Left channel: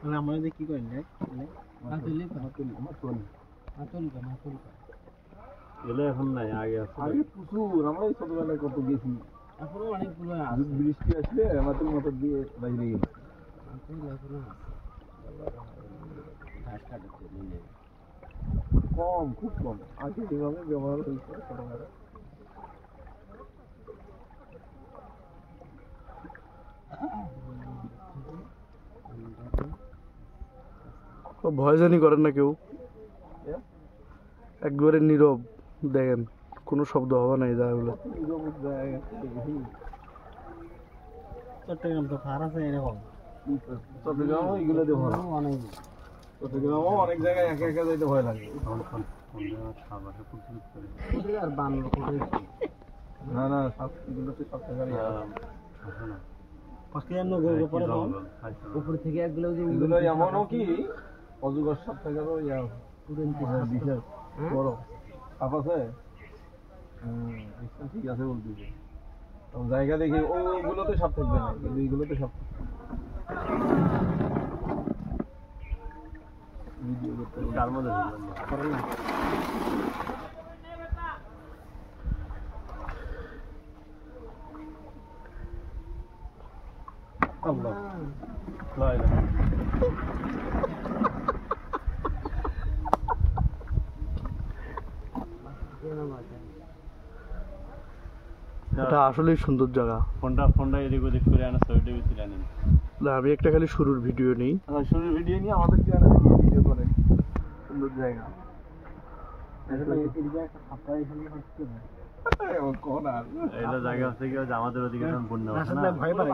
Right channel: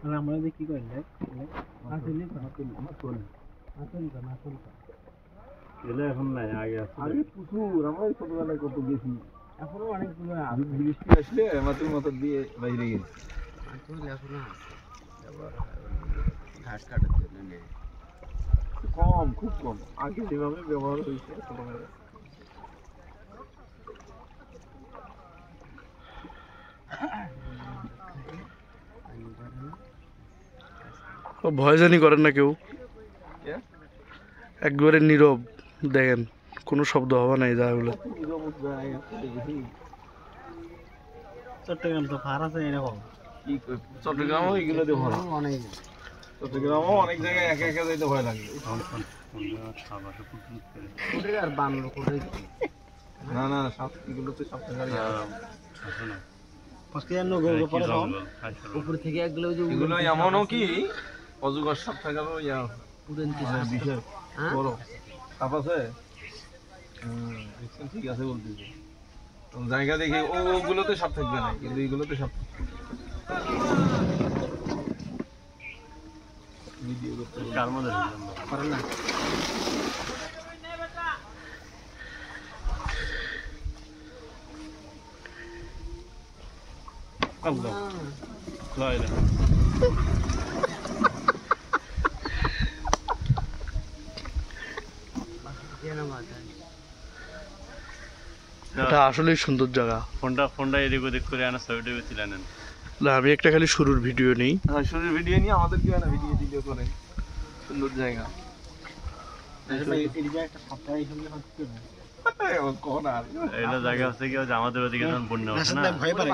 মানে আমাদের কি করেন না এলে এখন নাই আগে আছে আগে প্রচুর আমরা ছোটবেলায় কত গেছি এখনো অনেকগুলো আছে বৃষ্টি আসলে মাথার মতো দিয়ে বাইরে গেছি এখনো আছে ঘাস কাটার জন্য নেই কম খুব কম আগে যেভাবে ব্যবহার হয়েছে ছোটবেলায় ভয় জানি করেন না কেউ একবারে নীরব দেখেন কোনো শব্দ হবে না এই জায়গাগুলো চট্টগ্রাম তো ফার আছে এরকম চট্টগ্রামও এগুলোতে ভয় অনেক চট্টগ্রামও অনেক জায়গায় একা একা যাইতে ভয় লাগে আর বানর কোটে না না সব এগুলোতে সব উপরে থেকে একগুলো এগুলো এমনও কি অজগর সাপ থাকারও বিশেষ বড় সাপ আছে ঠিক আছে বলতেছি জায়গা দেখে ওগুলোতে সাপ থাকবে না কিন্তু এইগুলোতে সাপ ভিডিও করতে কার মধ্যে পারে না Allah. Böyle. এটা আসলেই সুন্দর জায়গা ফোনটা এদিক ওদিক করে আনা ছবিটা বেছিলেন না আমি একটা খালি শুরুর ভিডিও নেই শুরুর ভিডিও নিয়ে আমাদের কি না ভিডিও করে সুন্দর জায়গা আসলে এই জায়গাটা একটা সাপ্তাহিক হলে হচ্ছে না কোন আর এটা জায়গা হচ্ছে কি আমাদের ওদিকে যখন বন্যা হয় না ভয় পারে